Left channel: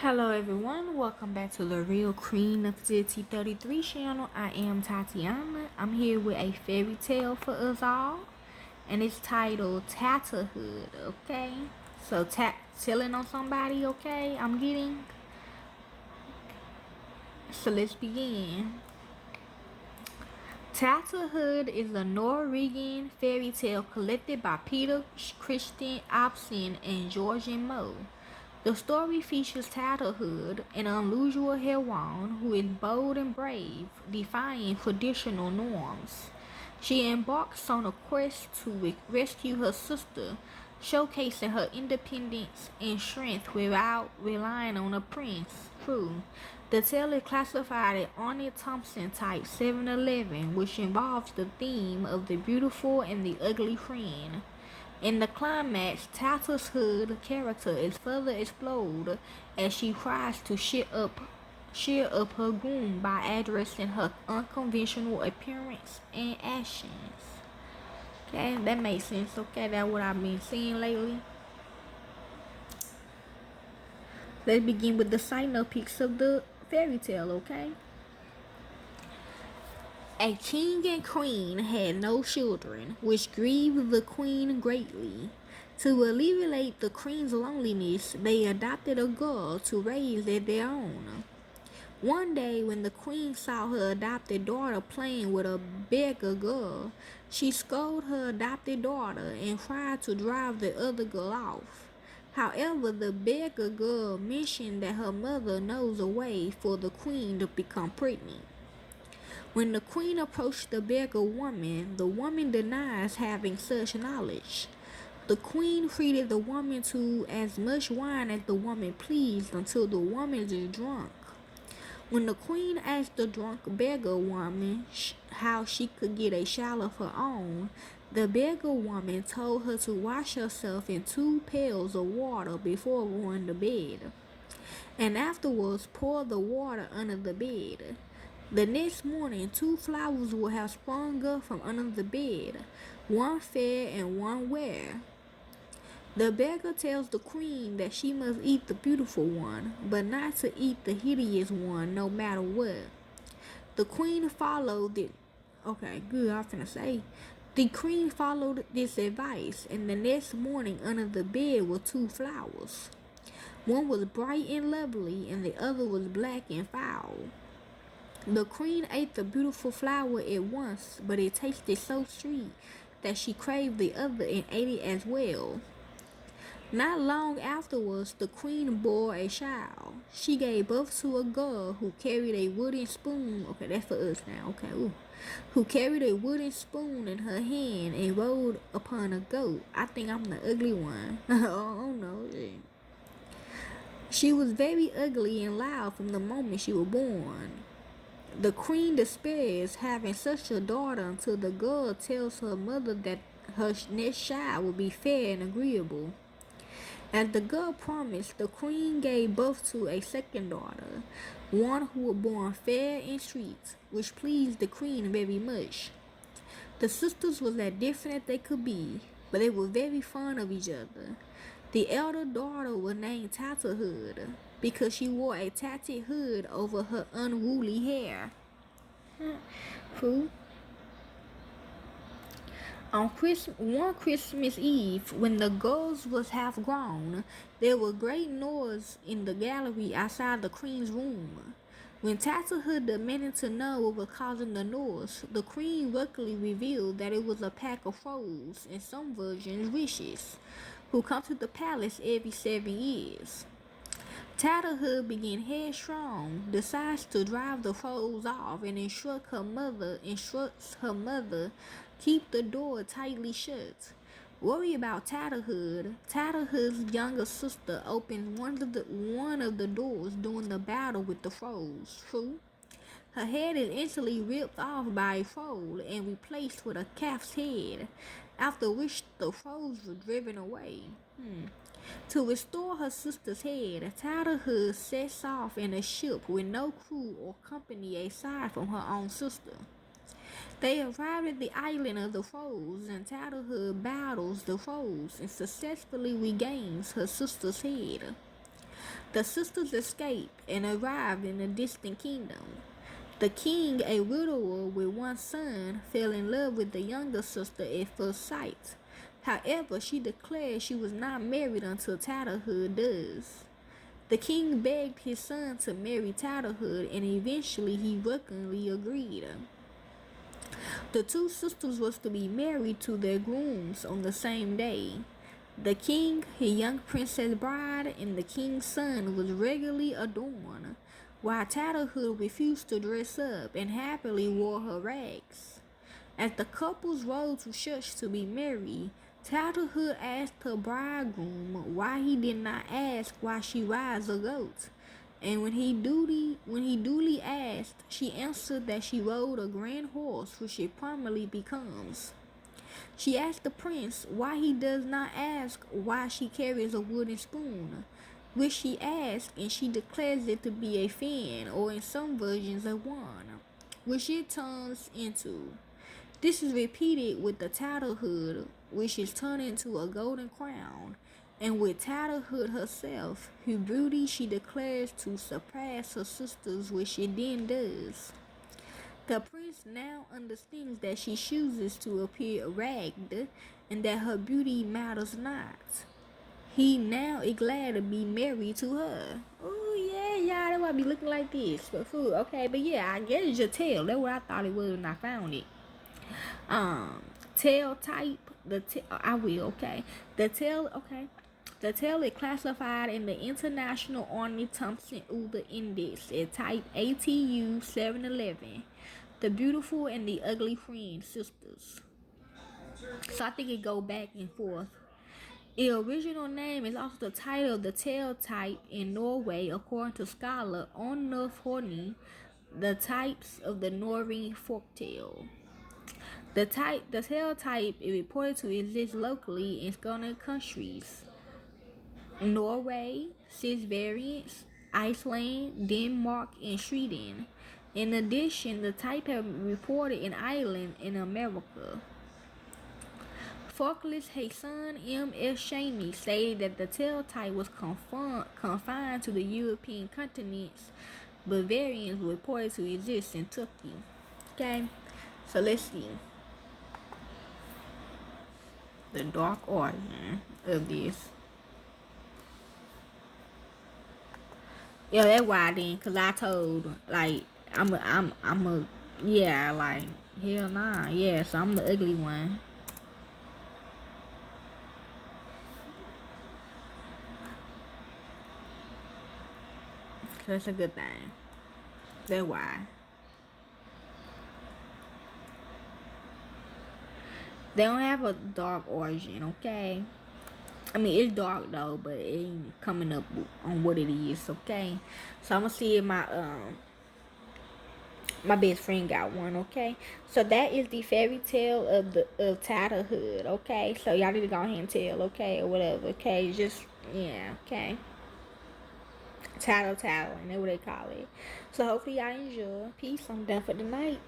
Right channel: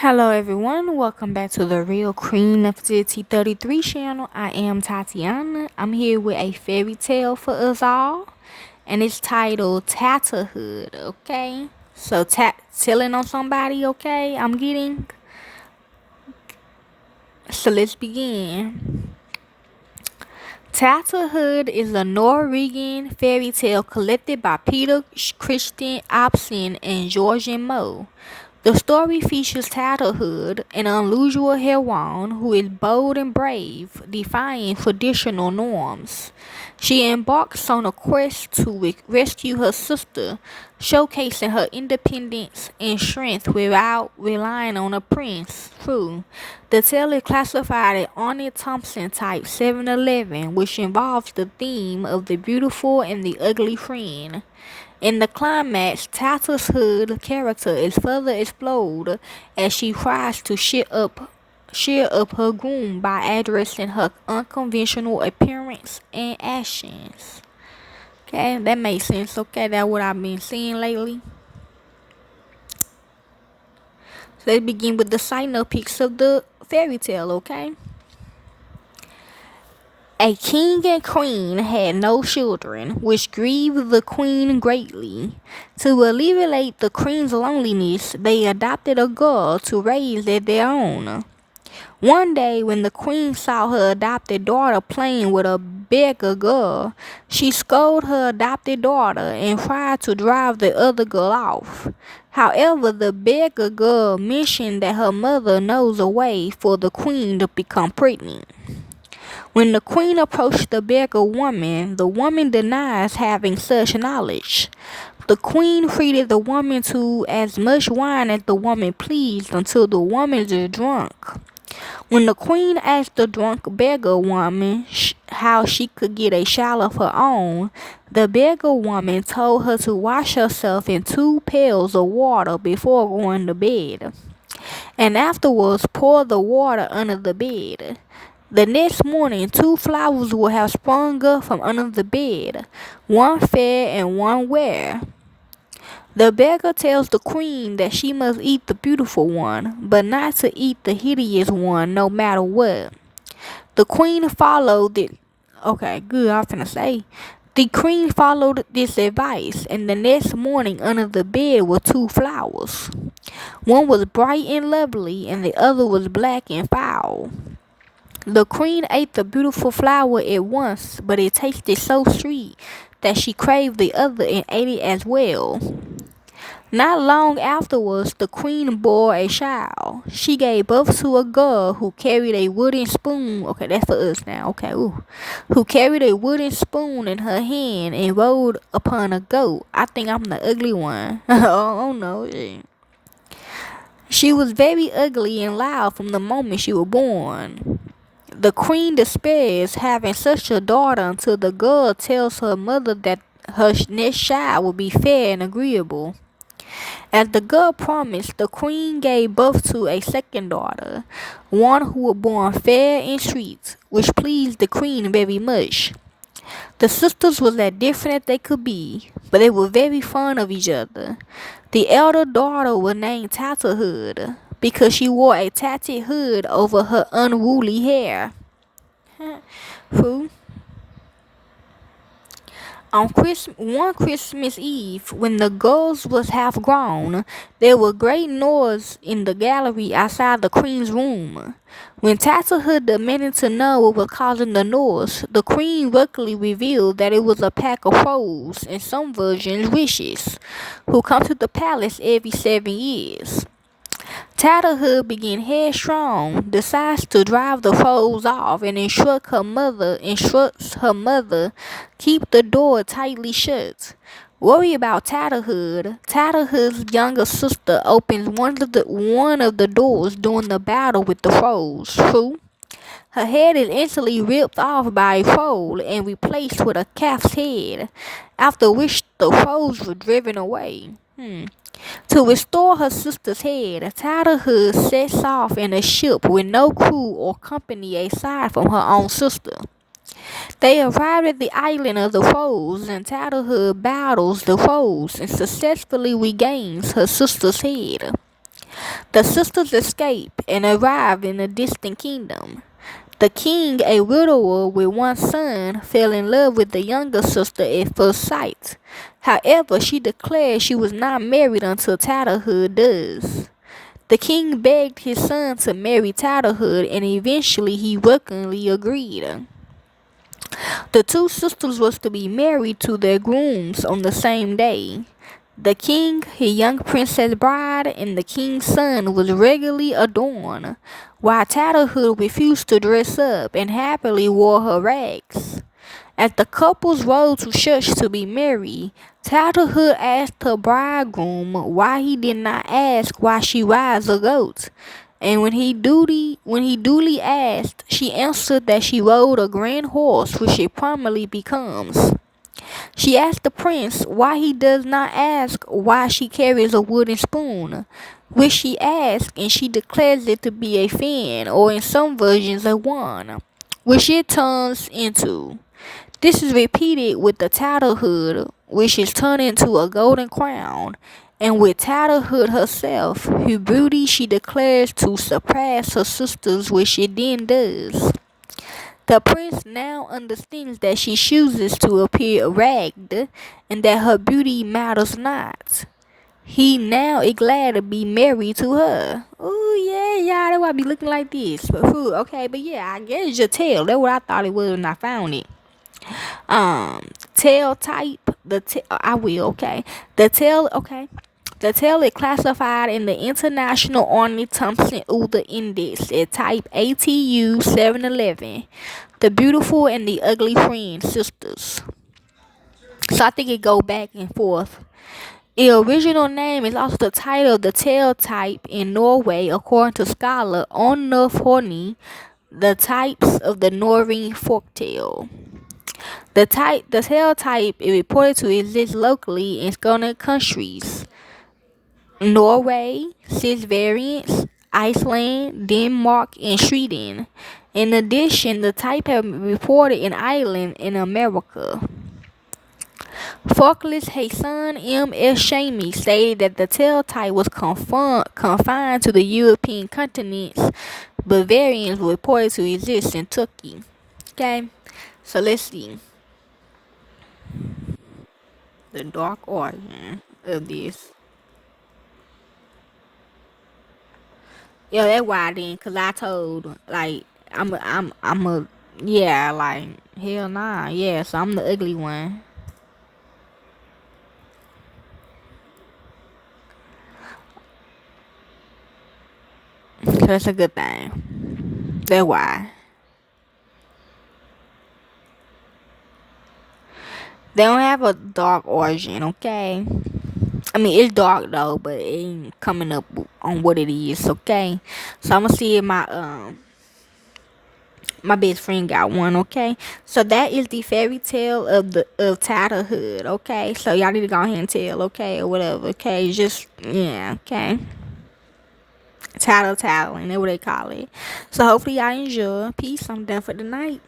Hello everyone, welcome back to the Real Queen of the T33 channel. I am Tatiana. I'm here with a fairy tale for us all, and it's titled Tatterhood, okay? So telling on somebody, okay? So let's begin. Tatterhood is a Norwegian fairy tale collected by Peter Christen, Asbjørnsen, and Jørgen. The story features Tatterhood, an unusual heroine who is bold and brave, defying traditional norms. She embarks on a quest to rescue her sister, showcasing her independence and strength without relying on a prince. True. The tale is classified as Arnie Thompson type 711, which involves the theme of the beautiful and the ugly friend. In the climax, Tatterhood's character is further explored as she tries to cheer up her groom by addressing her unconventional appearance and actions. Okay, that makes sense. Okay, that's what I've been seeing lately. So let's begin with the synopsis of the fairy tale, okay? A king and queen had no children, which grieved the queen greatly. To alleviate the queen's loneliness, they adopted a girl to raise as their own. One day, when the queen saw her adopted daughter playing with a beggar girl, she scolded her adopted daughter and tried to drive the other girl off. However, the beggar girl mentioned that her mother knows a way for the queen to become pregnant. When the queen approached the beggar woman, the woman denies having such knowledge. The queen treated the woman to as much wine as the woman pleased until the woman is drunk. When the queen asked the drunk beggar woman how she could get a shower of her own, the beggar woman told her to wash herself in 2 pails of water before going to bed, and afterwards pour the water under the bed. The next morning, 2 flowers will have sprung up from under the bed, one fair and one rare. The beggar tells the queen that she must eat the beautiful one, but not to eat the hideous one no matter what. The queen followed it. Okay, good, I was finna say. The queen followed this advice, and the next morning under the bed were 2 flowers. One was bright and lovely, and the other was black and foul. The queen ate the beautiful flower at once, but it tasted so sweet that she craved the other and ate it as well. Not long afterwards, the queen bore a child. She gave birth to a girl who carried a wooden spoon. Okay, that's for us now. Okay, who carried a wooden spoon in her hand and rode upon a goat. I think I'm the ugly one. Oh no. She was very ugly and loud from the moment she was born. The queen despairs having such a daughter until the girl tells her mother that her next child will be fair and agreeable. As the girl promised, the queen gave birth to a second daughter, one who was born fair and sweet, which pleased the queen very much. The sisters were as different as they could be, but they were very fond of each other. The elder daughter was named Tatterhood, because she wore a tattered hood over her unruly hair. Who? On one Christmas Eve, when the girls was half grown, there was great noise in the gallery outside the queen's room. When Tatterhood demanded to know what was causing the noise, the queen luckily revealed that it was a pack of crows, in some versions wishes, who come to the palace every 7 years. Tatterhood being headstrong, decides to drive the foes off and instructs her mother keep the door tightly shut. Worried about Tatterhood, Tatterhood's younger sister opens one of the doors during the battle with the foes. True. Her head is instantly ripped off by a foe and replaced with a calf's head, after which the foes were driven away. To restore her sister's head, Tatterhood sets off in a ship with no crew or company aside from her own sister. They arrive at the island of the foes, and Tatterhood battles the foes and successfully regains her sister's head. The sisters escape and arrive in a distant kingdom. The king, a widower with one son, fell in love with the younger sister at first sight. However, she declared she was not married until Tatterhood does. The king begged his son to marry Tatterhood, and eventually he reluctantly agreed. The two sisters was to be married to their grooms on the same day. The king, his young princess bride, and the king's son was regularly adorned, while Tatterhood refused to dress up and happily wore her rags. As the couples rode to church to be married, Tatterhood asked her bridegroom why he did not ask why she rides a goat. And when he duly asked, she answered that she rode a grand horse, which it promptly becomes. She asked the prince why he does not ask why she carries a wooden spoon, which she asks, and she declares it to be a fan, or in some versions a wand, which it turns into. This is repeated with the Tatterhood, which is turned into a golden crown, and with Tatterhood herself, whose beauty she declares to surpass her sisters, which it then does. The prince now understands that she chooses to appear ragged, and that her beauty matters not. He now is glad to be married to her. Oh yeah, y'all, that's why I be looking like this. But food, okay, but yeah, I guess it's your tail. That's what I thought it was when I found it. Tail type. I will. Okay, the tail. Okay. The tail is classified in the International Ornith-Thompson-Uller Index at type ATU 711. The beautiful and the ugly friend sisters. So I think it go back and forth. The original name is also the title of the tail type in Norway, according to scholar Arnulf Horny, the types of the Norwegian folktale. The tail type is reported to exist locally in Scandinavian countries. Norway, 6 variants, Iceland, Denmark, and Sweden. In addition, the type has been reported in Ireland and America. Folklorist Hassan M. S. Shamey stated that the tail type was confined to the European continents, but variants were reported to exist in Turkey. Okay, so let's see. The dark origin of this. Yeah, that's why then, cause I told like yeah, like hell nah, yeah. So I'm the ugly one. So that's a good thing. That's why. They don't have a dark origin, okay? I mean, it's dark though, but it ain't coming up on what it is, okay? So I'm gonna see if my best friend got one, okay? So that is the fairy tale of Tatterhood, okay? So y'all need to go ahead and tell, okay, or whatever, okay? Just yeah, okay. Tattling, that's what they call it. So hopefully y'all enjoy. Peace. I'm done for the night.